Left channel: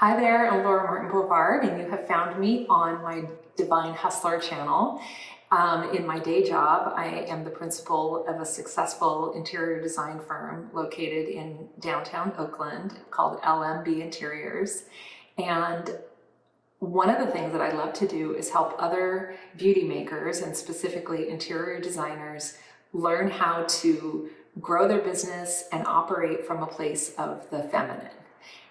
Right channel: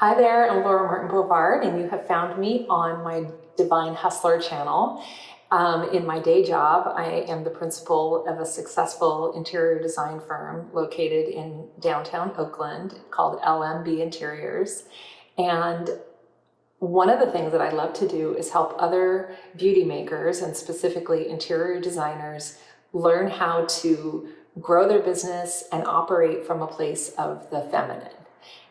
Hi there, I'm Laura Martin Bovard, and you have found me on my Divine Hustler channel. In my day job, I am the principal of a successful interior design firm located in downtown Oakland called LMB Interiors. And one of the things that I love to do is help other beauty makers and specifically interior designers learn how to grow their business and operate from a place of the feminine.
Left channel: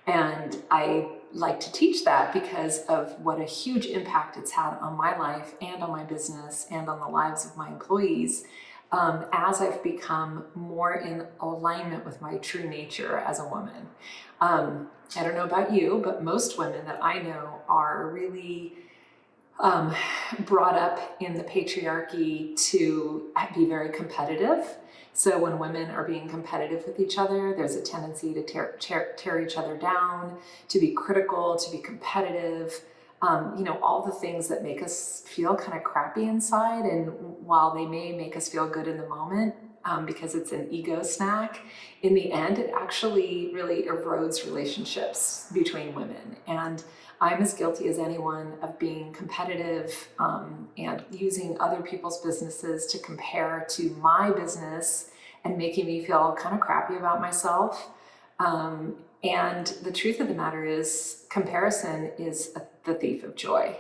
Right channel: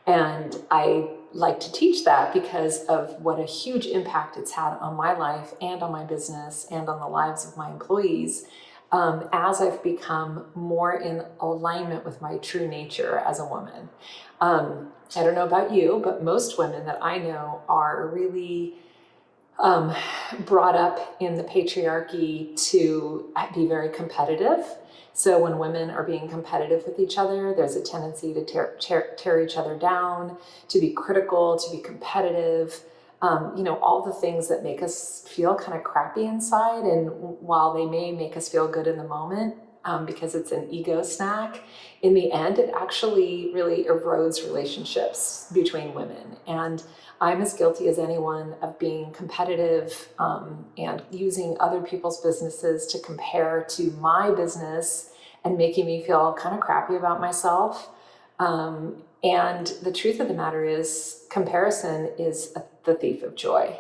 And I like to teach that because of what a huge impact it's had on my life and on my business and on the lives of my employees as I've become more in alignment with my true nature as a woman. I don't know about you, but most women that I know are really brought up in the patriarchy to be very competitive. So when women are being competitive with each other, there's a tendency to tear each other down, to be critical, to be competitive, all the things that make us feel kind of crappy inside. And while they may make us feel good in the moment, because it's an ego snack, in the end, it actually really erodes relationships between women. And I'm as guilty as anyone of being competitive and using other people's businesses to compare to my business and making me feel kind of crappy about myself. And the truth of the matter is, comparison is the thief of joy.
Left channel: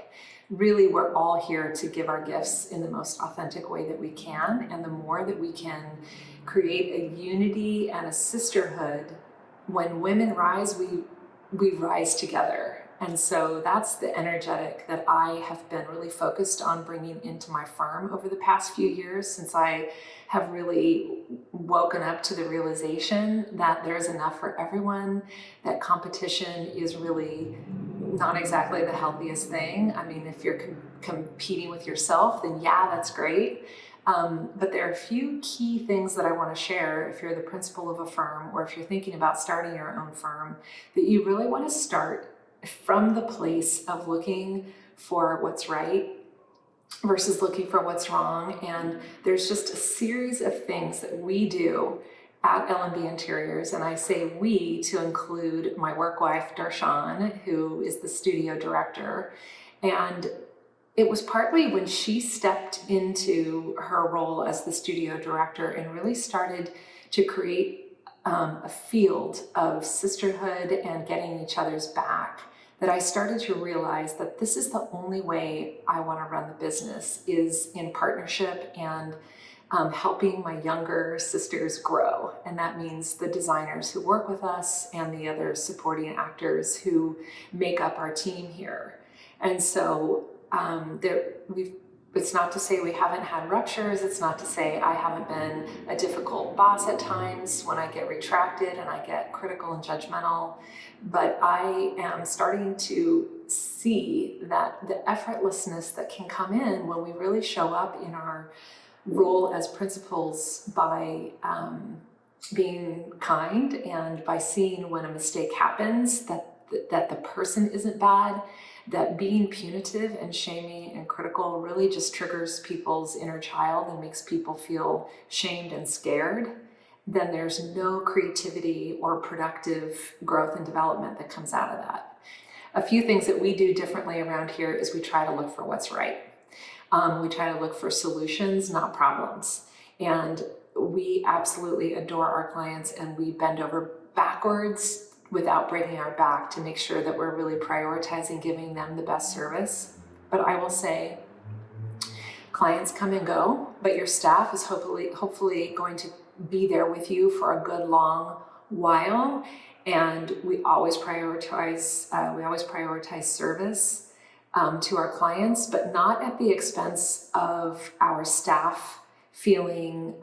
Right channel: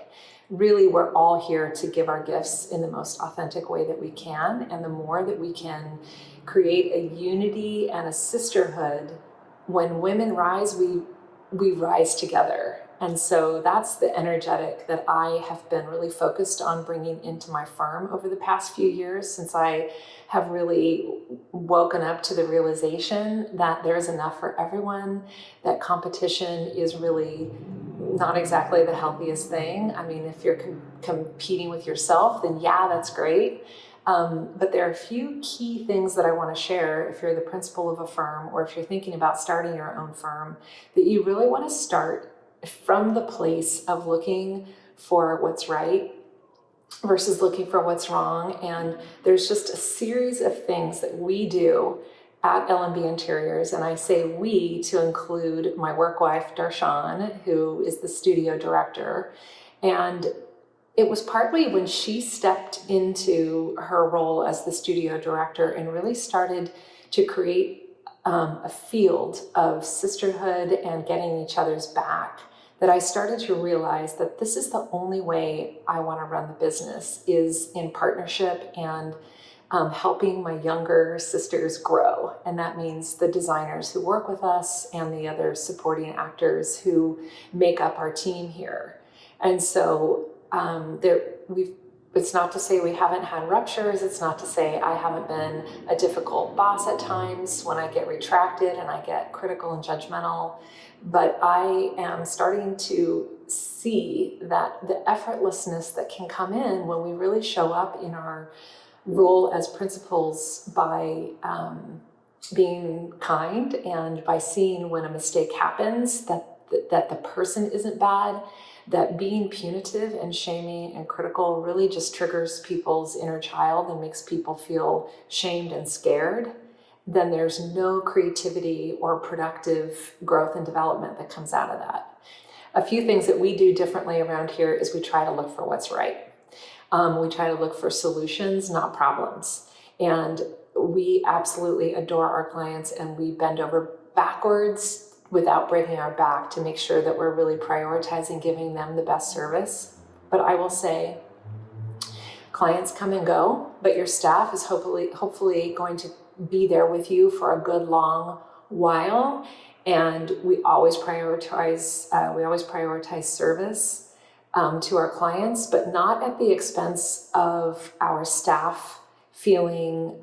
Really, we're all here to give our gifts in the most authentic way that we can. And the more that we can create a unity and a sisterhood, when women rise, we rise together. And so that's the energetic that I have been really focused on bringing into my firm over the past few years, since I have really woken up to the realization that there's enough for everyone, that competition is really not exactly the healthiest thing. I mean, if you're competing with yourself, then yeah, that's great. But there are a few key things that I want to share if you're the principal of a firm or if you're thinking about starting your own firm, that you really want to start from the place of looking for what's right versus looking for what's wrong. And there's just a series of things that we do at LMB Interiors, and I say we to include my work wife, Darshan, who is the studio director. And it was partly when she stepped into her role as the studio director and really started to create a field of sisterhood and getting each other's back, that I started to realize that this is the only way I want to run the business, is in partnership and helping my younger sisters grow. And that means the designers who work with us and the other supporting actors who make up our team here. And so it's not to say we haven't had ruptures. It's not to say I haven't been a difficult boss at times when I get retracted and I get critical and judgmental. But I am starting to see that the effortlessness that can come in when we really show up in our role as principals by being kind and by seeing when a mistake happens, that the person isn't bad, that being punitive and shaming and critical really just triggers people's inner child and makes people feel shamed and scared, then there's no creativity or productive growth and development that comes out of that. A few things that we do differently around here is we try to look for what's right. We try to look for solutions, not problems. And we absolutely adore our clients, and we bend over backwards without breaking our back to make sure that we're really prioritizing giving them the best service. But I will say, clients come and go, but your staff is hopefully going to be there with you for a good long while. And we always prioritize service to our clients, but not at the expense of our staff feeling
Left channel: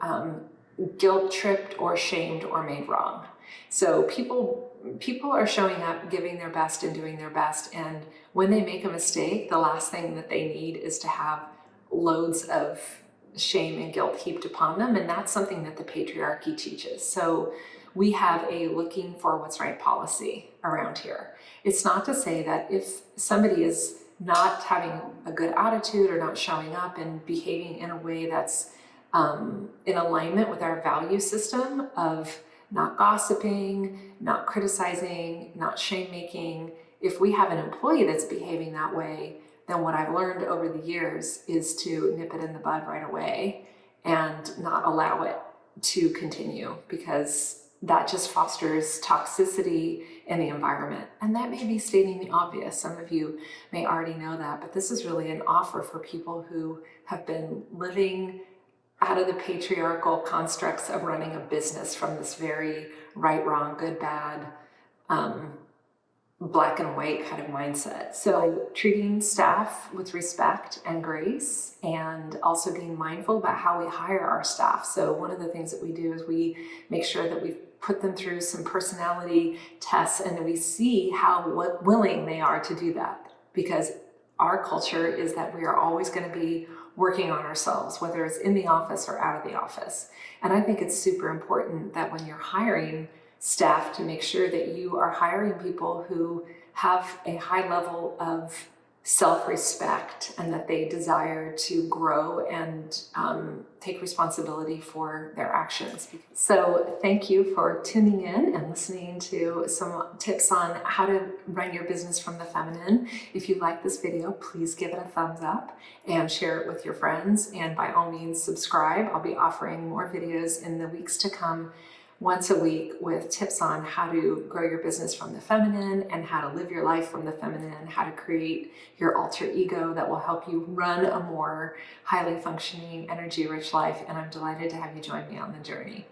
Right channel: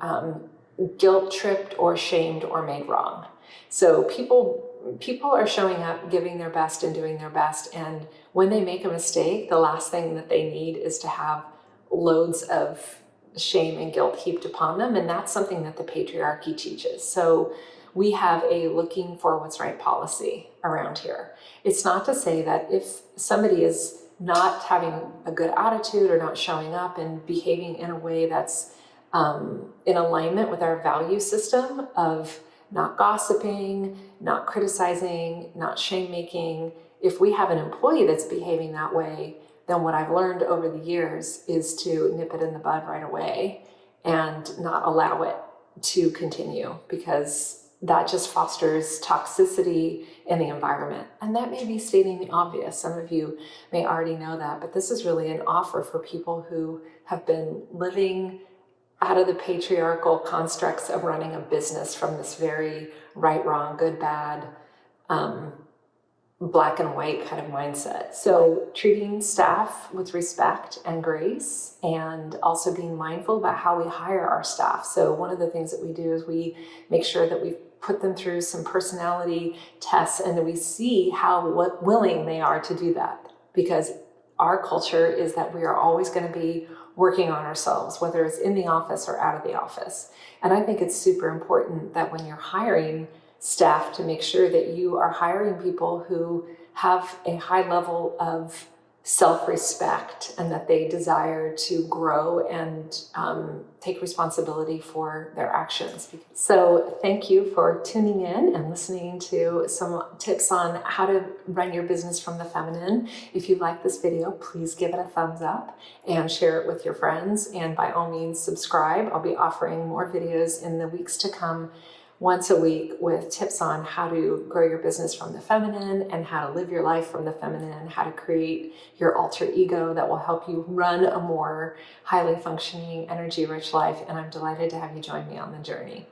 guilt tripped or shamed or made wrong. So people are showing up, giving their best and doing their best. And when they make a mistake, the last thing that they need is to have loads of shame and guilt heaped upon them. And that's something that the patriarchy teaches. So we have a looking for what's right policy around here. It's not to say that if somebody is not having a good attitude or not showing up and behaving in a way that's in alignment with our value system of not gossiping, not criticizing, not shame making, if we have an employee that's behaving that way, then what I've learned over the years is to nip it in the bud right away and not allow it to continue, because that just fosters toxicity in the environment. And that may be stating the obvious. Some of you may already know that, but this is really an offer for people who have been living out of the patriarchal constructs of running a business from this very right, wrong, good, bad, black and white kind of mindset. So treating staff with respect and grace, and also being mindful about how we hire our staff. So one of the things that we do is we make sure that we put them through some personality tests, and then we see how willing they are to do that, because our culture is that we are always going to be working on ourselves, whether it's in the office or out of the office. And I think it's super important that when you're hiring staff, to make sure that you are hiring people who have a high level of self-respect, and that they desire to grow and take responsibility for their actions. So thank you for tuning in and listening to some tips on how to run your business from the feminine. If you like this video, please give it a thumbs up and share it with your friends. And by all means, subscribe. I'll be offering more videos in the weeks to come, once a week, with tips on how to grow your business from the feminine, and how to live your life from the feminine, how to create your alter ego that will help you run a more highly functioning, energy-rich life. And I'm delighted to have you join me on the journey.